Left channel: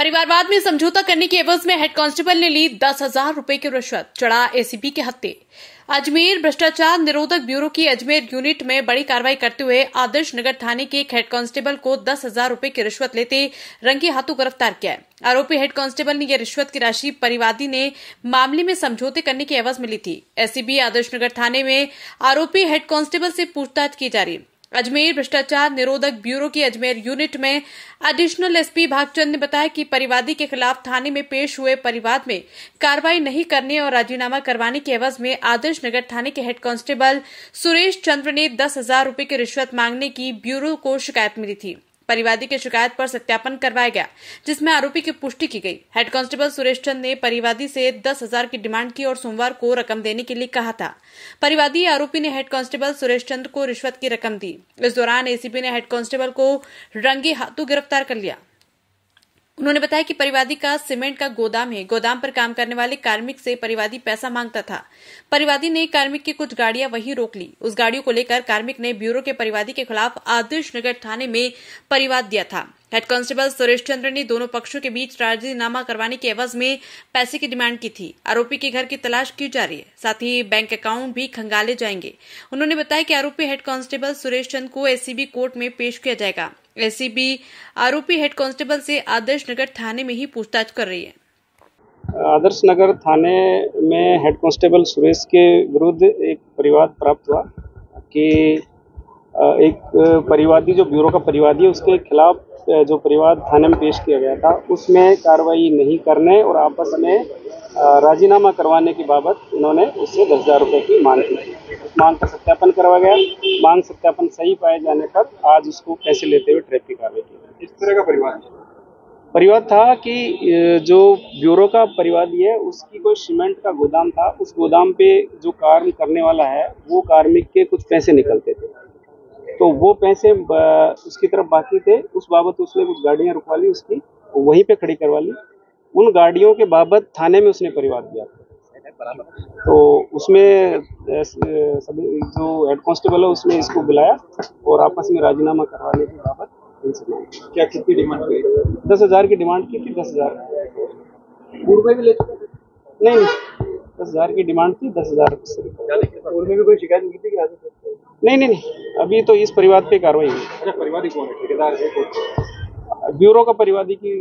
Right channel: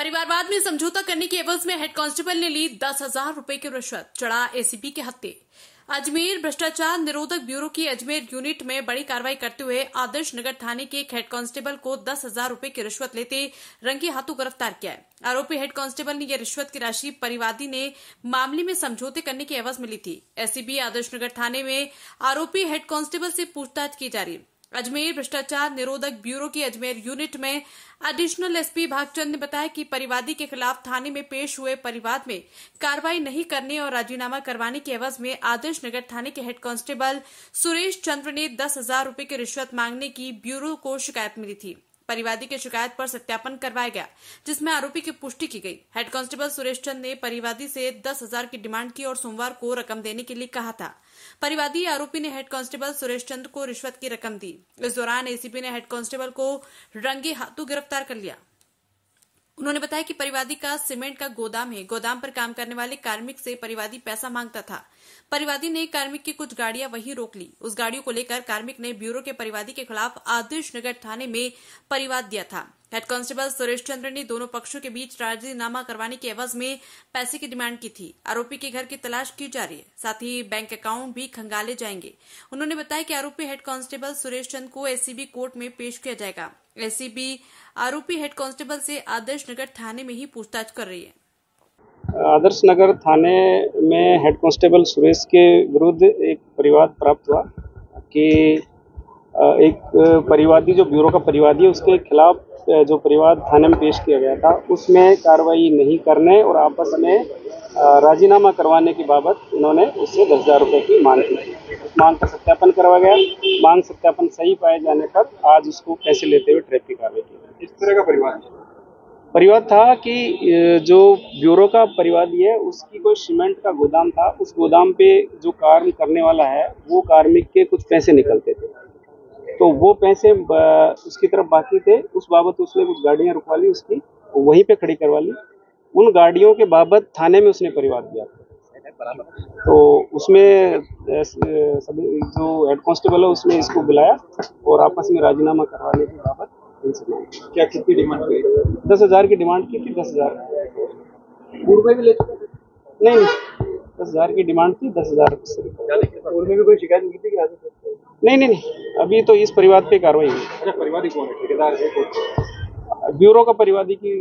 परिवारवाद में समझौता करने के एवज में हेड कांस्टेबल ने ली 10,000 रुपए की रिश्वत, चढ़ा एसीपी के हत्थे। अजमेर भ्रष्टाचार निरोधक ब्यूरो की अजमेर यूनिट में बड़ी कार्रवाई करते हुए आदर्श नगर थाने के एक हेड कांस्टेबल को 10,000 रुपए की रिश्वत लेते रंगे हाथों गिरफ्तार किया है। आरोपी हेड कांस्टेबल ने यह रिश्वत की राशि परिवादी ने मामले में समझौते करने की एवज में ली थी। एसीबी आदर्श नगर थाने में आरोपी हेड कांस्टेबल से पूछताछ की जा रही है। अजमेर भ्रष्टाचार निरोधक ब्यूरो की अजमेर यूनिट में एडिशनल एसपी भागचंद ने बताया कि परिवादी के खिलाफ थाने में पेश हुए परिवाद में कार्रवाई नहीं करने और राजीनामा करवाने के एवज में आदर्श नगर थाने के हेड कांस्टेबल सुरेश चंद्र ने 10,000 रुपए की रिश्वत मांगने की ब्यूरो को शिकायत मिली थी। परिवादी की शिकायत पर सत्यापन करवाया गया, जिसमें आरोपी की पुष्टि की गई। हेड कांस्टेबल सुरेश चंद ने परिवादी से 10,000 की डिमांड की और सोमवार को रकम देने के लिए कहा था। परिवादी आरोपी ने हेड कांस्टेबल सुरेश चंद को रिश्वत की रकम दी। इस दौरान एसीपी ने हेड कांस्टेबल को रंगे हाथों गिरफ्तार कर लिया। उन्होंने बताया कि परिवादी का सीमेंट का गोदाम है। गोदाम पर काम करने वाले कार्मिक से परिवादी पैसा मांगता था। परिवादी ने कार्मिक की कुछ गाड़ियां वहीं रोक ली। उस गाड़ियों को लेकर कार्मिक ने ब्यूरो के परिवादी के खिलाफ आदर्श नगर थाने में परिवाद दिया था। हेड कांस्टेबल सुरेश चंद्र ने दोनों पक्षों के बीच राजीनामा करवाने के एवज में पैसे की डिमांड की थी। आरोपी के घर की तलाश की जा रही है, साथ ही बैंक अकाउंट भी खंगाले जाएंगे। उन्होंने बताया कि आरोपी हेड कांस्टेबल सुरेश चंद को एसीबी कोर्ट में पेश किया जाएगा। एसीबी आरोपी हेड कांस्टेबल से आदर्श नगर थाने में ही पूछताछ कर रही है। आदर्श नगर थाने में हेड कांस्टेबल सुरेश के विरुद्ध एक परिवाद प्राप्त हुआ कि एक परिवादी जो ब्यूरो का परिवादी है उसके खिलाफ जो परिवाद थाने में पेश किया गया था उसमें कार्रवाई नहीं करने और आपस में राजीनामा करवाने की बाबत उन्होंने उससे 10,000 रुपये की मांग की। मांग का सत्यापन करवा गया। मांग सत्यापन सही पाए जाने पर आज उसको पैसे लेते हुए ट्रैप की कार्रवाई की। इस तरह का परिवाद था कि जो ब्यूरो का परिवादी है उसकी कोई सीमेंट का गोदाम था। उस गोदाम पे जो कार्य करने वाला है वो कार्मिक के कुछ पैसे निकलते थे, तो वो पैसे उसकी तरफ बाकी थे। उस बाबत उसने कुछ गाड़ियां रुकवा ली, उसकी वहीं पे खड़ी करवा ली। उन गाड़ियों के बाबत थाने में उसने परिवाद दिया था। तो उसमें सभी जो हेड कांस्टेबल है उसने इसको बुलाया और आपस में राजीनामा करवाने के बाबत इनसे मांगी। क्या कितनी डिमांड की? 10,000 की डिमांड की थी। 10,000 पूर्व में भी ले चुके थे? नहीं, 10,000 की डिमांड थी। 10,000 पूर्व में भी कोई शिकायत नहीं थी कि आगे? नहीं, अभी तो इस परिवाद पे कार्रवाई हुई। अच्छा, परिवादी कौन है? ठेकेदार है? ब्यूरो का परिवादी की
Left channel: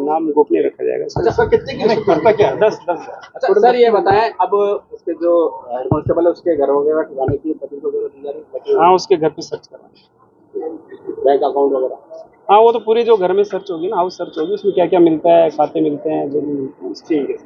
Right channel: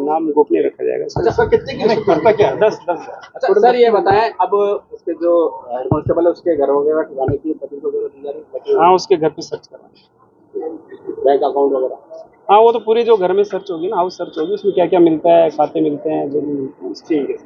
नाम गोपनीय रखा जाएगा। अच्छा सर, कितने की करता क्या? 10। अच्छा सर, ये बताएं, अब उसके जो हेड कांस्टेबल है उसके घर वगैरह ठिकाने की पति वगैरह दी जा रही है? हाँ, उसके घर पे सर्च करवाएं। बैंक अकाउंट वगैरह? हाँ, वो तो पूरी जो घर में सर्च होगी ना, हाउस सर्च होगी, उसमें क्या क्या मिलता है, खाते मिलते हैं, जो भी मिलते हैं। ठीक है।